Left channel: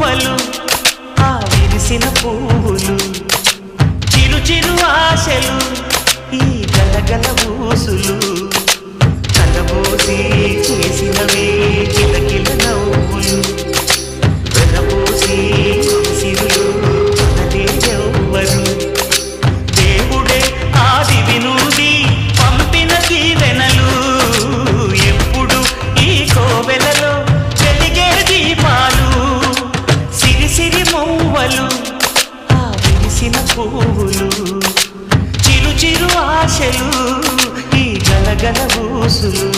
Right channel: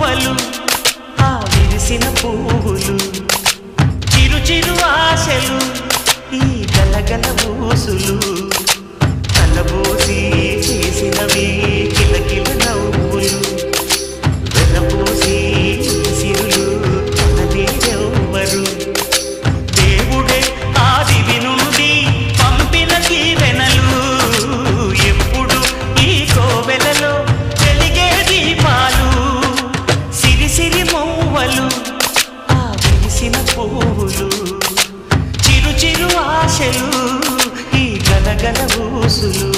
మౌవలు ఆ విరిసిన పువ్వులు చిరు చిరు ఆశలు ఈ గలగల ఊసులు కలబోసి చేసినవి కిలకిల నవ్వులు వెనపోసి సిరులు కొనలేరెవ్వరు దేవుడే ఆదివి నుండి పంపిన దీవెనలు ఎప్పుడు ఈ కోవెలలో వెలిగే దీపాలు సిరి సిరి మౌవలు ఆ విరిసిన పువ్వులు చిరు చిరు ఆశలు ఈ గలగల ఊసులు